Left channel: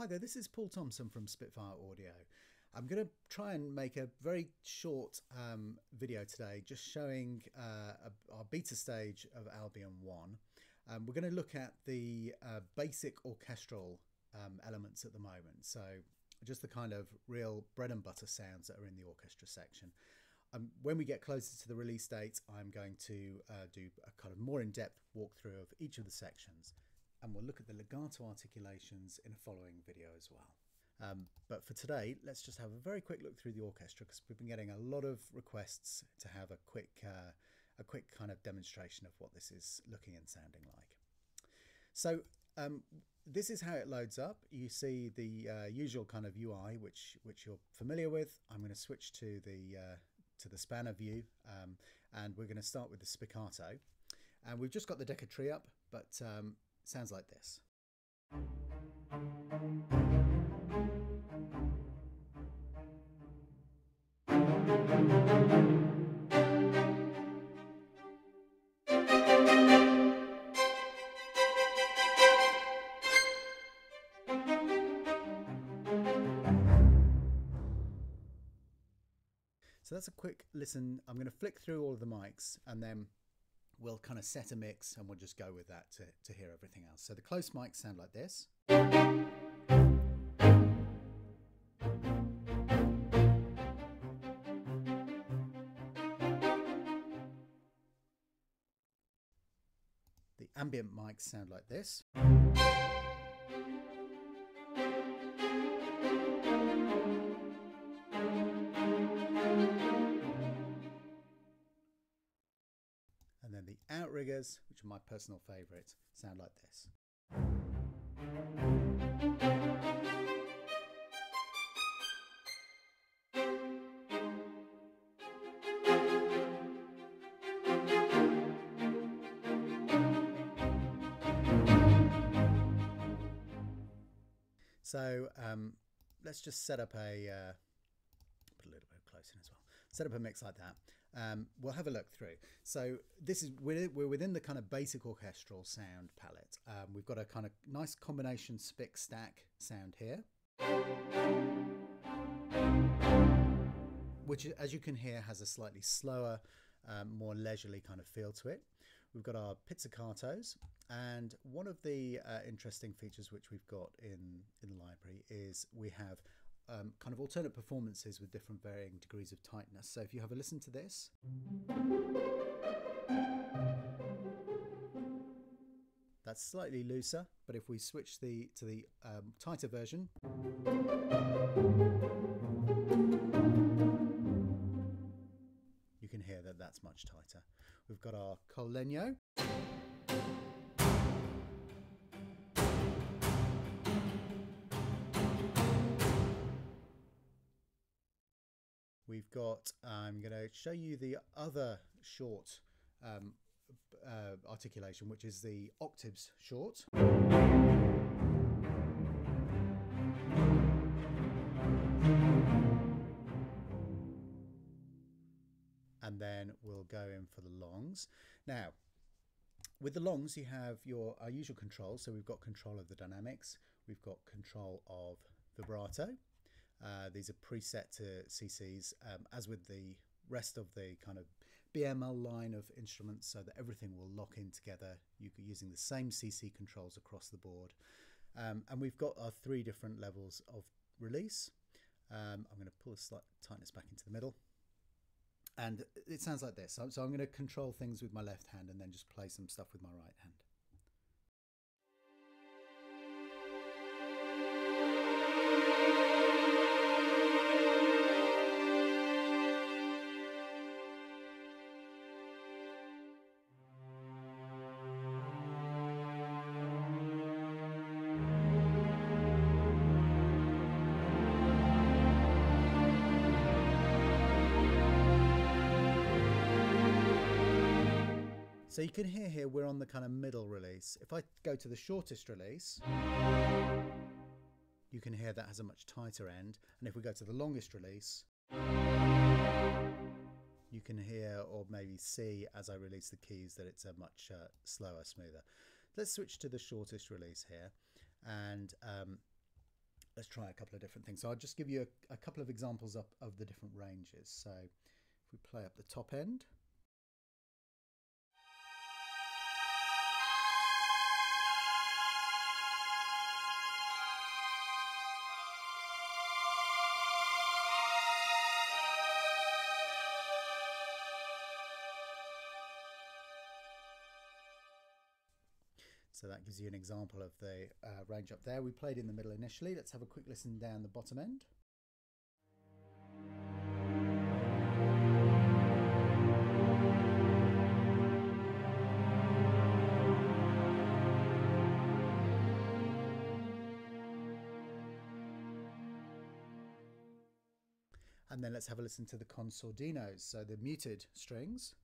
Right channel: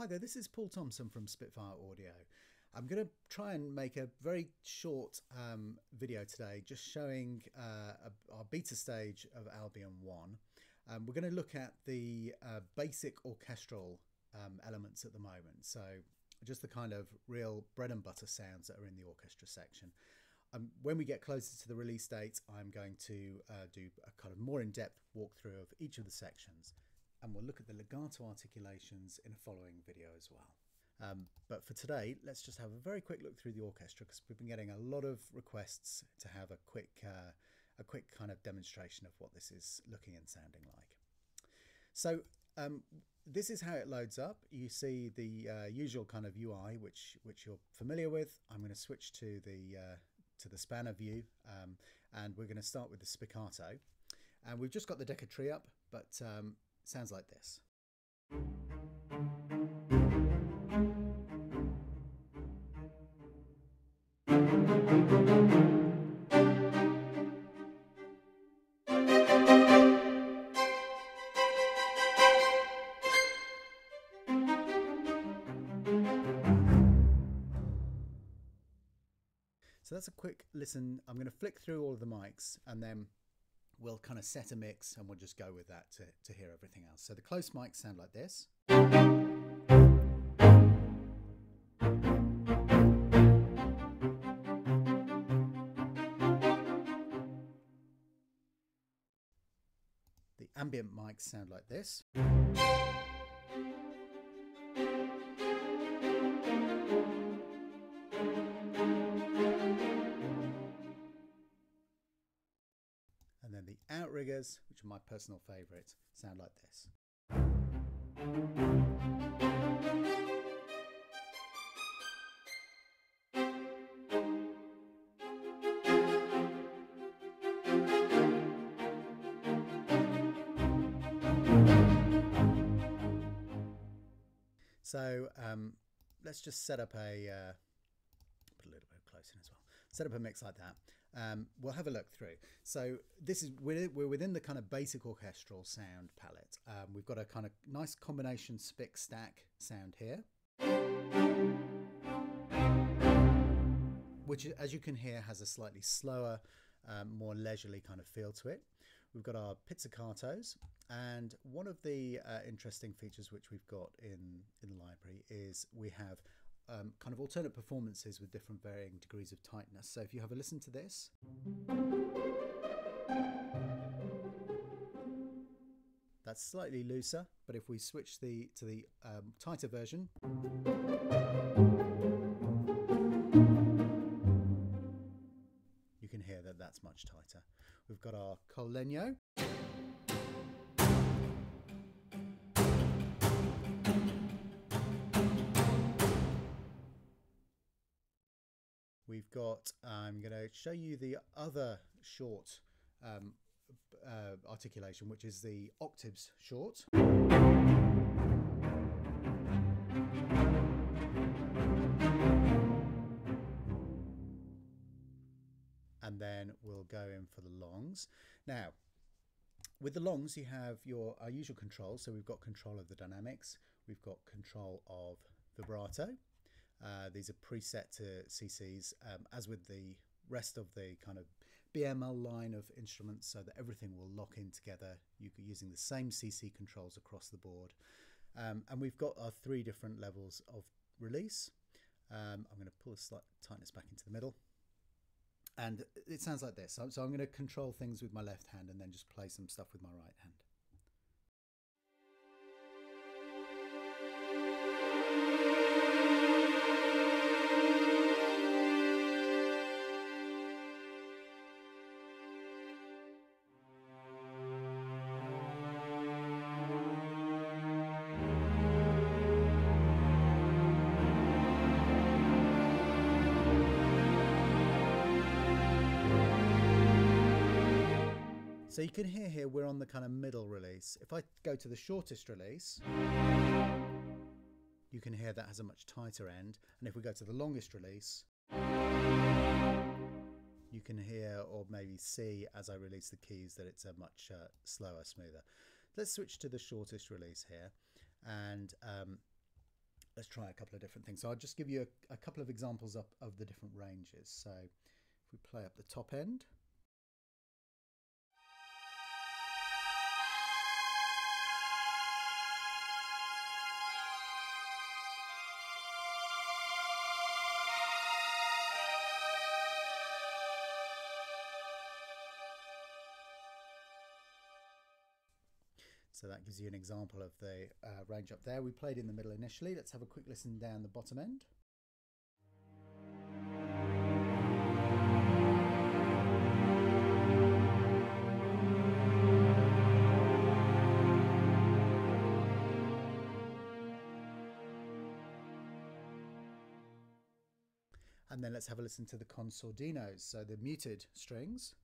Hi there, this is Paul Thompson from Spitfire Audio. I'm going to try and make a very short video today just showing our beta stage of Albion 1. We're going to look at the basic orchestral elements at the moment, so just the kind of real bread and butter sounds that are in the orchestra section. When we get closer to the release date, I'm going to do a kind of more in-depth walkthrough of each of the sections, and we'll look at the legato articulations in a following video as well. But for today, let's just have a very quick look through the orchestra, because we've been getting a lot of requests to have a quick kind of demonstration of what this is looking and sounding like. So this is how it loads up. You see the usual kind of UI, which you're familiar with. I'm going to switch to the spanner view, and we're going to start with the spiccato. And we've just got the Decca tree up, but sounds like this. So that's a quick listen. I'm going to flick through all of the mics and then we'll kind of set a mix and we'll just go with that to hear everything else. So the close mics sound like this. The ambient mics sound like this. And then the outriggers, which are my personal favourite, sound like this. So let's just set up a put a little bit close in as well. Set up a mix like that. We'll have a look through. So this is we're within the kind of basic orchestral sound palette. We've got a kind of nice combination spic stack sound here, which, as you can hear, has a slightly slower, more leisurely kind of feel to it. We've got our pizzicatos, and one of the interesting features which we've got in the library is we have kind of alternate performances with different varying degrees of tightness. So if you have a listen to this, that's slightly looser, but if we switch to the tighter version, you can hear that that's much tighter. We've got our col legno. We've got, I'm going to show you the other short articulation, which is the octaves short. And then we'll go in for the longs. Now, with the longs, you have our usual controls. So we've got control of the dynamics. We've got control of vibrato. These are preset to CCs, as with the rest of the kind of BML line of instruments, so that everything will lock in together. You're using the same CC controls across the board. And we've got our 3 different levels of release. I'm going to pull a slight tightness back into the middle. And it sounds like this. So I'm going to control things with my left hand and then just play some stuff with my right hand. So you can hear here we're on the kind of middle release. If I go to the shortest release, you can hear that has a much tighter end. And if we go to the longest release, you can hear or maybe see as I release the keys that it's a much slower, smoother. Let's switch to the shortest release here, and let's try a couple of different things. So I'll just give you a couple of examples of the different ranges. So if we play up the top end. So that gives you an example of the range up there. We played in the middle initially. Let's have a quick listen down the bottom end. And then let's have a listen to the consordinos, so the muted strings.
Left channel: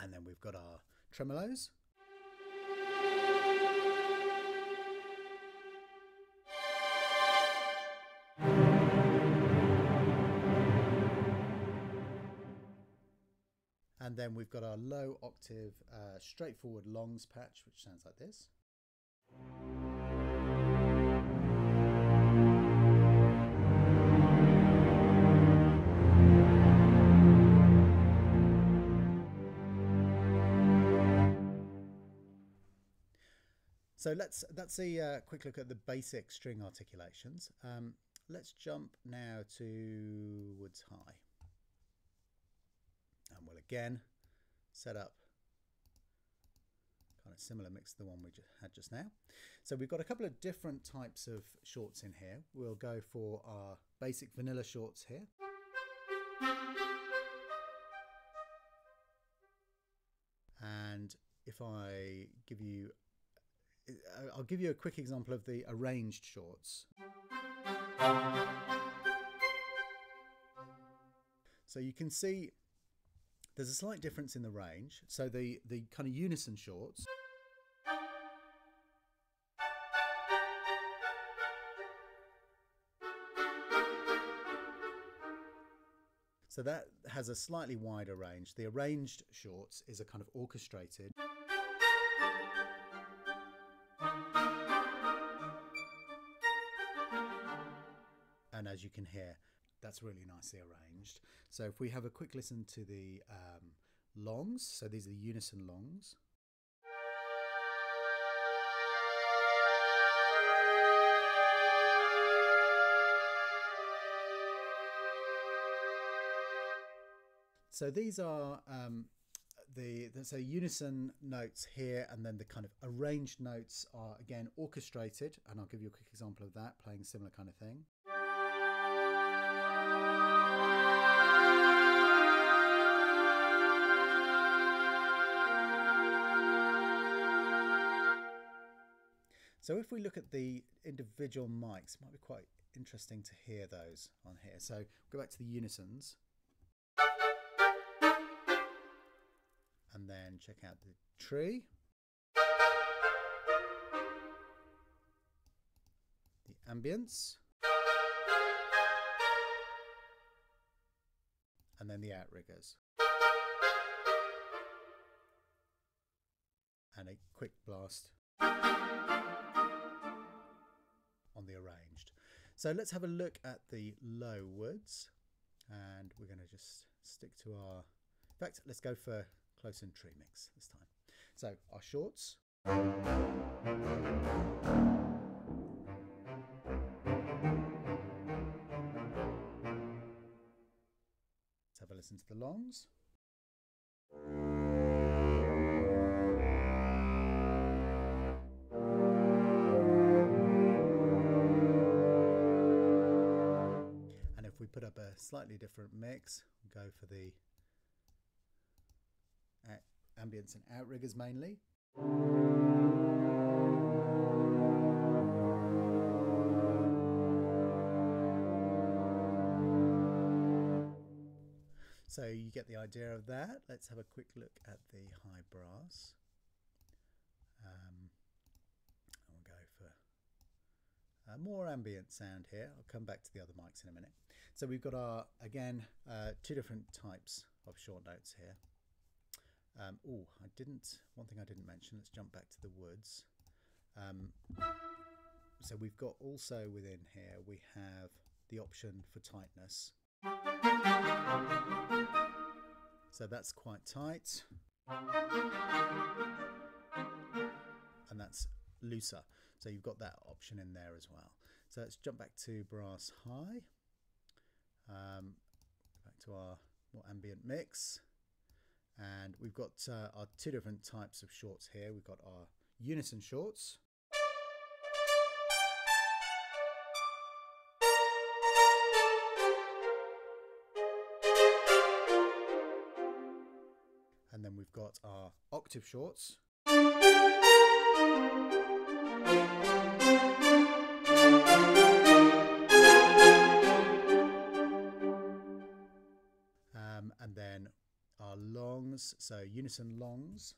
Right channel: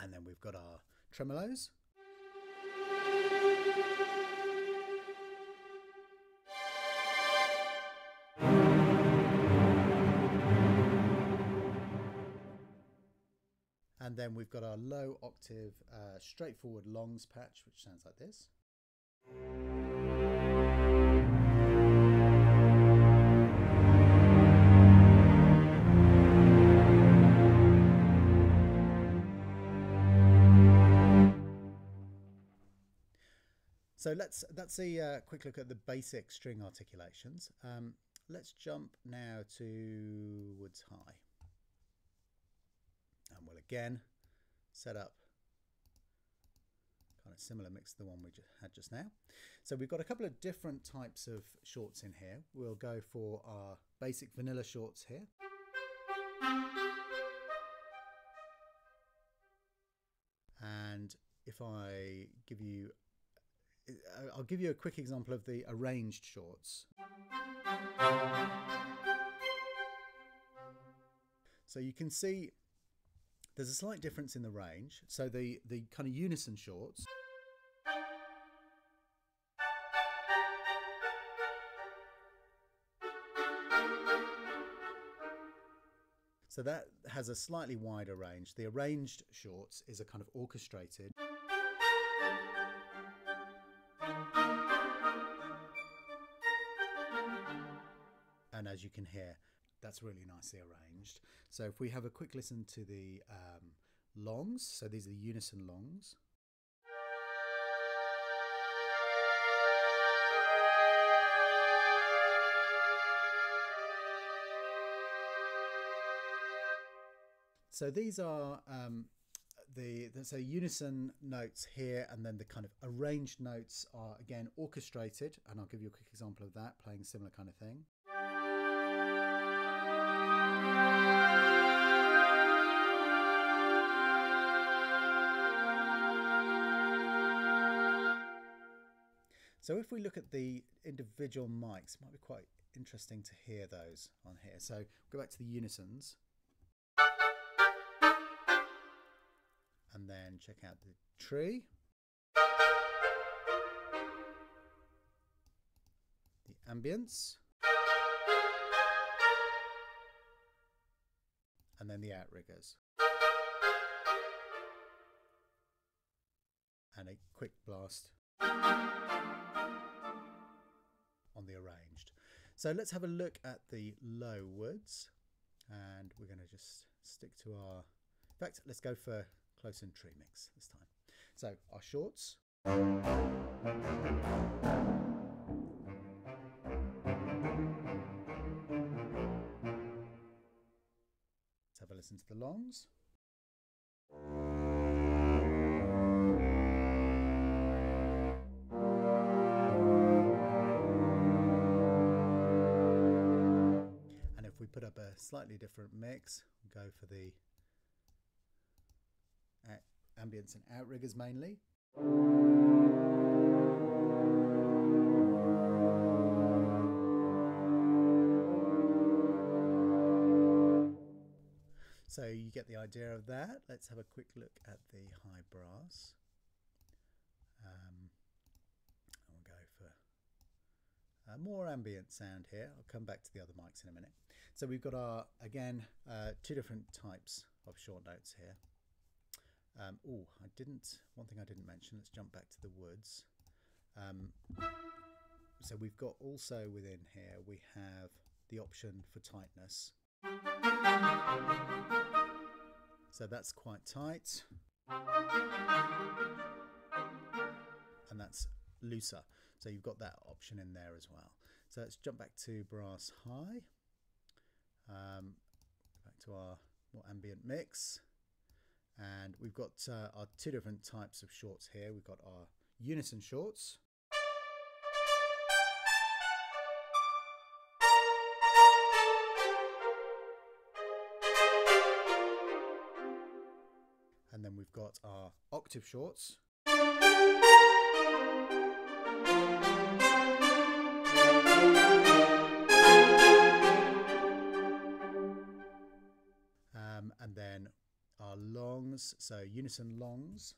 And then we've got our tremolos. And then we've got our low octave straightforward longs patch, which sounds like this. So that's a quick look at the basic string articulations. Let's jump now to Woods High. And we'll again set up kind of similar mix to the one we had just now. So we've got a couple of different types of shorts in here. We'll go for our basic vanilla shorts here. And if I give you, I'll give you a quick example of the arranged shorts. So you can see there's a slight difference in the range. So the kind of unison shorts so that has a slightly wider range. The arranged shorts is a kind of orchestrated. And as you can hear, that's really nicely arranged. So if we have a quick listen to the longs, so these are the unison longs. So these are there's a unison notes here, and then the kind of arranged notes are again orchestrated, and I'll give you a quick example of that, playing a similar kind of thing. So if we look at the individual mics, it might be quite interesting to hear those on here. So go back to the unisons. And then check out the tree. The ambience. And then the outriggers. And a quick blast on the arranged. So let's have a look at the low woods, and we're going to just stick to our, in fact, let's go for close and tree mix this time. So our shorts. Let's have a listen to the longs. We put up a slightly different mix, we'll go for the ambience and outriggers mainly. So you get the idea of that. Let's have a quick look at the high brass. I'll go for more ambient sound here. I'll come back to the other mics in a minute. So we've got our, again, two different types of short notes here. One thing I didn't mention, let's jump back to the woods. So we've got also within here, we have the option for tightness. So that's quite tight. And that's looser. So you've got that option in there as well. So let's jump back to brass high. Back to our more ambient mix. And we've got our two different types of shorts here. We've got our unison shorts. And then we've got our octave shorts. And then our longs, so unison longs.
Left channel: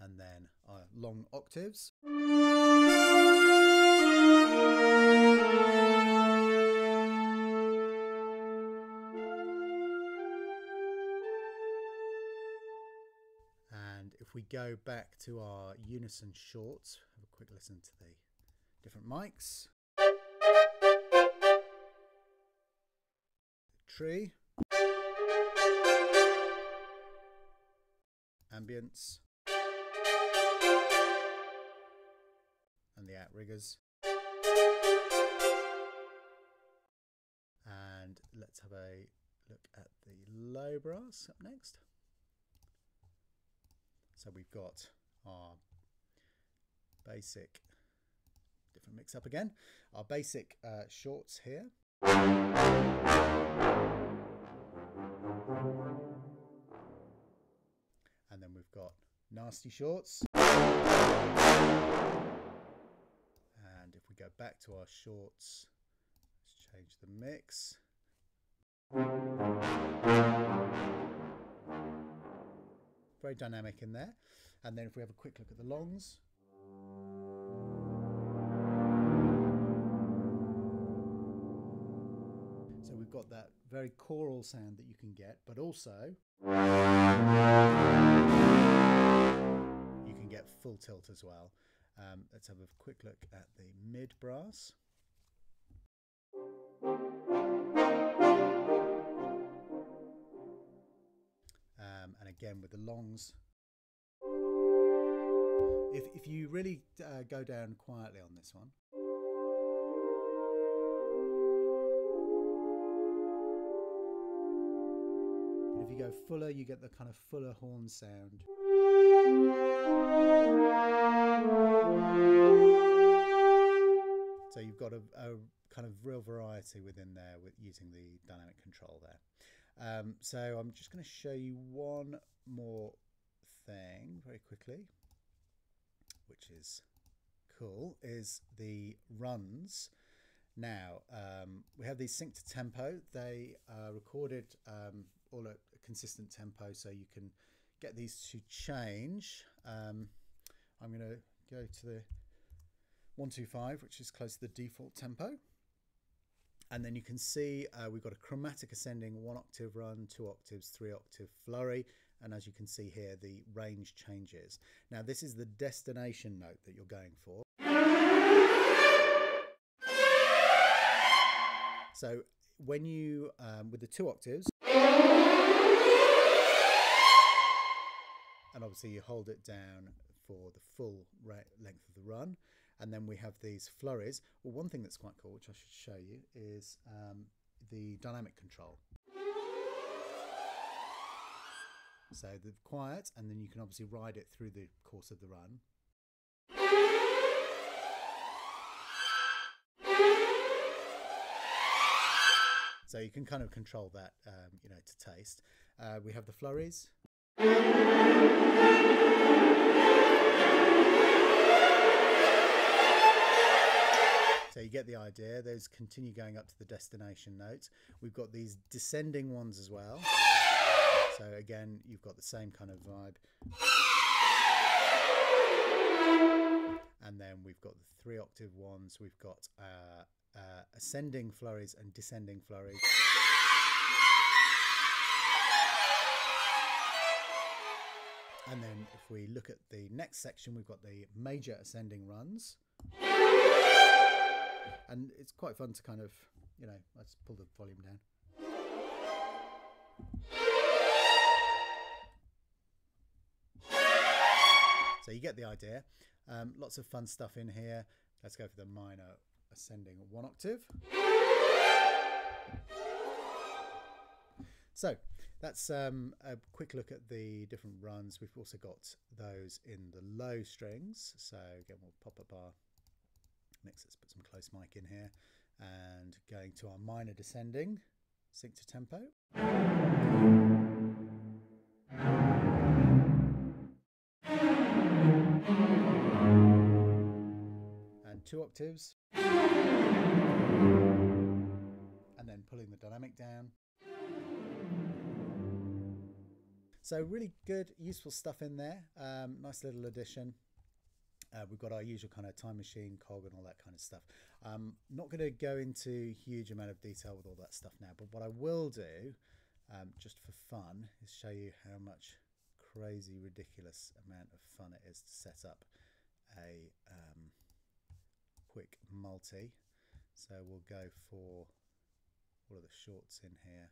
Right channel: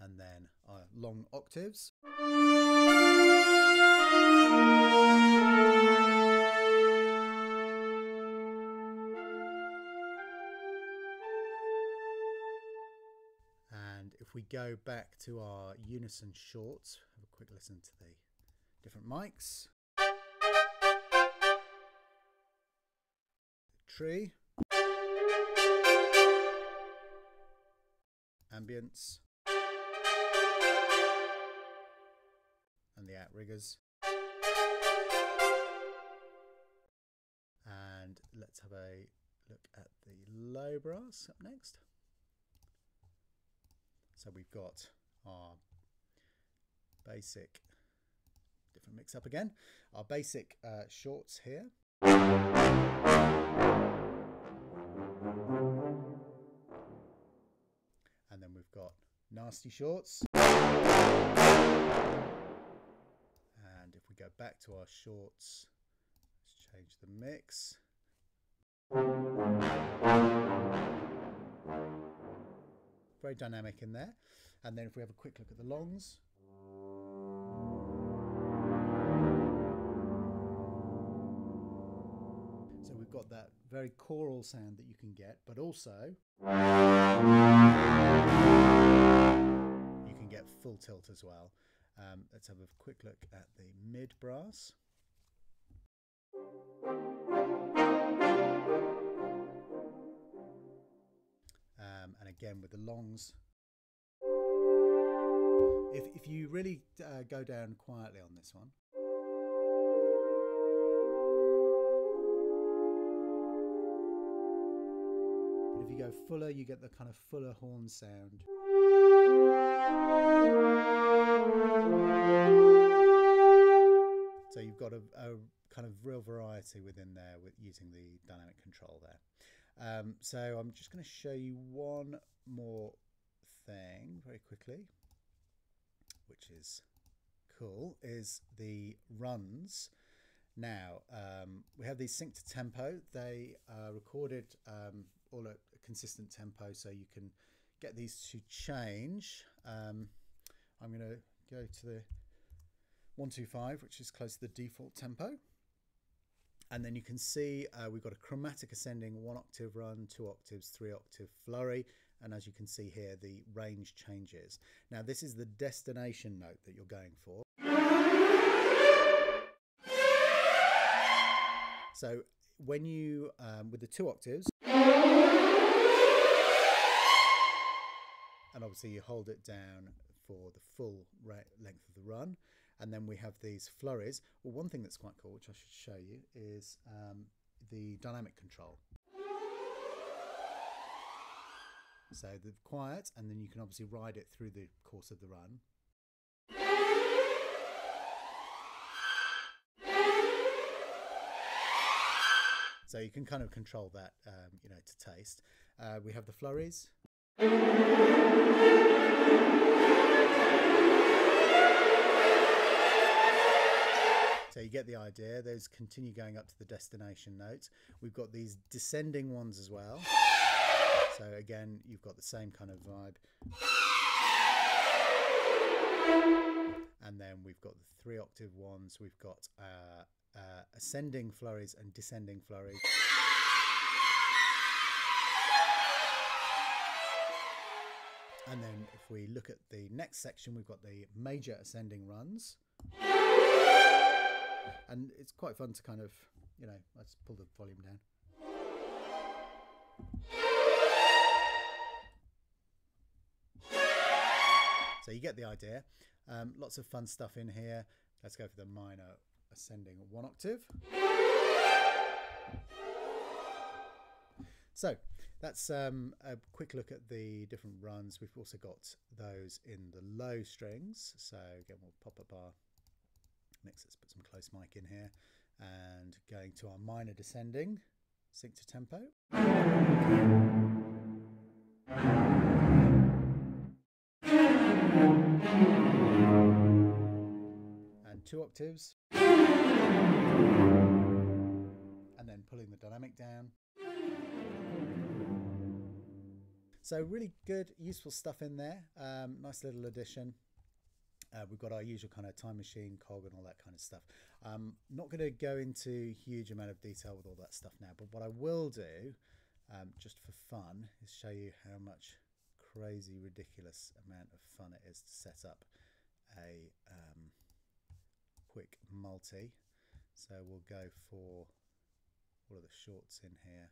And then our long octaves. And if we go back to our unison shorts, have a quick listen to the different mics. Tree. Ambience. And the outriggers. And let's have a look at the low brass up next. So we've got our basic, different mix up again, our basic shorts here. And then we've got nasty shorts. And if we go back to our shorts, let's change the mix. Very dynamic in there. And then if we have a quick look at the longs. So we've got that very choral sound that you can get, but also you can get full tilt as well. Let's have a quick look at the mid brass. And again with the longs. If you really go down quietly on this one. But if you go fuller, you get the kind of fuller horn sound. So you've got a kind of real variety within there with using the dynamic control there. So I'm just going to show you one more thing very quickly, which is cool, is the runs. Now we have these synced to tempo. They are recorded all at a consistent tempo, so you can get these to change. I'm going to go to the 125, which is close to the default tempo. And then you can see we've got a chromatic ascending 1 octave run, 2 octaves, 3 octave flurry. And as you can see here, the range changes. Now this is the destination note that you're going for. So when you, with the 2 octaves, and obviously you hold it down for the full length of the run. And then we have these flurries. Well, one thing that's quite cool, which I should show you, is the dynamic control. So the quiet, and then you can obviously ride it through the course of the run. So you can kind of control that, you know, to taste. We have the flurries. So you get the idea. Those continue going up to the destination notes. We've got these descending ones as well. So again, you've got the same kind of vibe. And then we've got the 3-octave ones. We've got ascending flurries and descending flurries. And then if we look at the next section, we've got the major ascending runs. And it's quite fun to kind of, you know, let's pull the volume down. So you get the idea. Lots of fun stuff in here. Let's go for the minor ascending 1 octave. So that's a quick look at the different runs. We've also got those in the low strings. So again, we'll pop up our mix. Let's put some close mic in here, and going to our minor descending, sync to tempo. And 2 octaves. And then pulling the dynamic down. So really good, useful stuff in there. Nice little addition. We've got our usual kind of time machine, cog and all that kind of stuff. Not going to go into huge amount of detail with all that stuff now, but what I will do, just for fun, is show you how much crazy, ridiculous amount of fun it is to set up a quick multi. So we'll go for all of the shorts in here.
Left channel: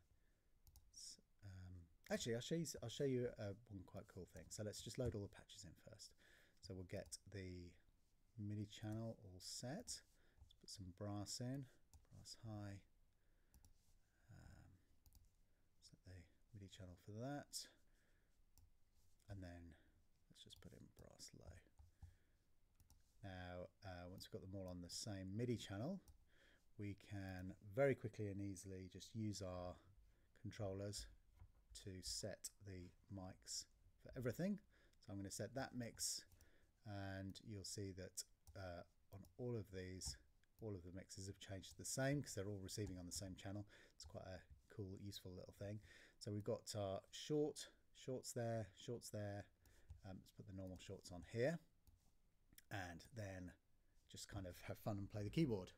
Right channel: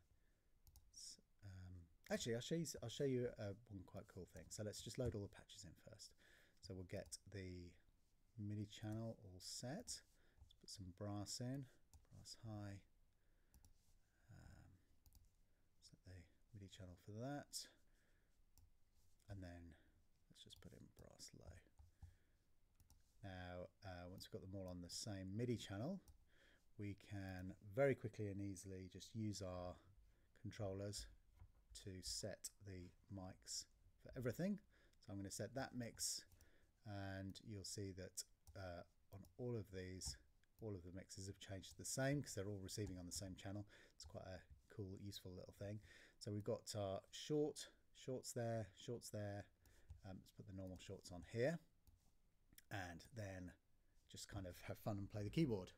Actually, I'll show you one quite cool thing. So let's just load all the patches in first. So we'll get the MIDI channel all set. Let's put some brass in, brass high. Set the MIDI channel for that. And then let's just put in brass low. Now, once we've got them all on the same MIDI channel, we can very quickly and easily just use our controllers to set the mics for everything. So I'm going to set that mix, and you'll see that on all of these, all of the mixes have changed to the same because they're all receiving on the same channel. It's quite a cool, useful little thing. So we've got our shorts there. Let's put the normal shorts on here, and then just kind of have fun and play the keyboard.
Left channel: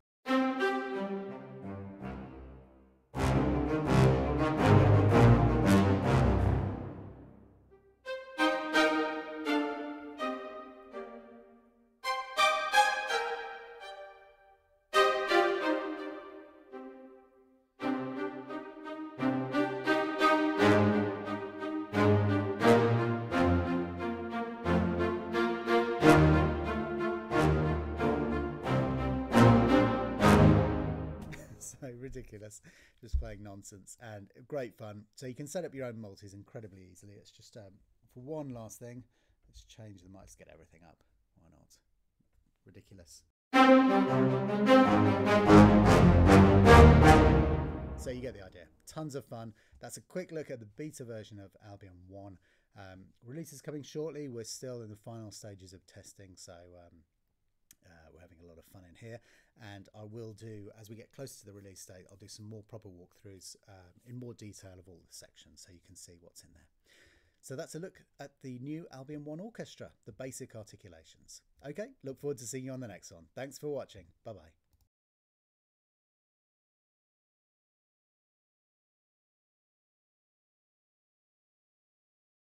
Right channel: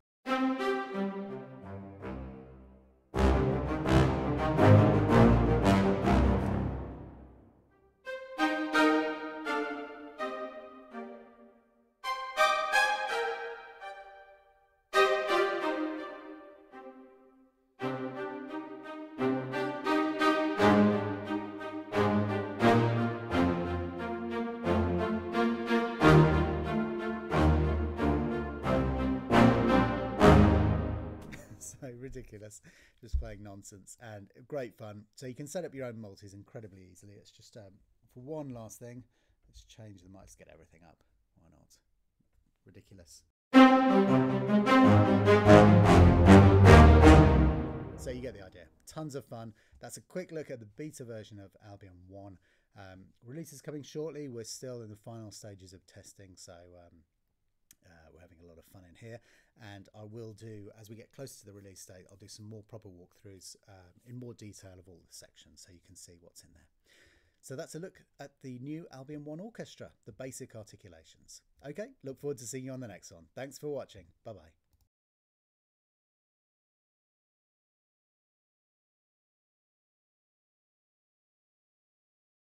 So ridiculous, just playing nonsense, and great fun. So you can set up your own multis incredibly easily. It's just for one last thing, let's change the mics, get everything up. Why not? Ridiculous. So you get the idea. Tons of fun. That's a quick look at the beta version of Albion 1. Release is coming shortly. We're still in the final stages of testing, so we're having a lot of fun in here. And I will do, as we get closer to the release date, I'll do some more proper walkthroughs in more detail of all the sections so you can see what's in there. So that's a look at the new Albion 1 Orchestra, the basic articulations. Okay, look forward to seeing you on the next one. Thanks for watching. Bye-bye.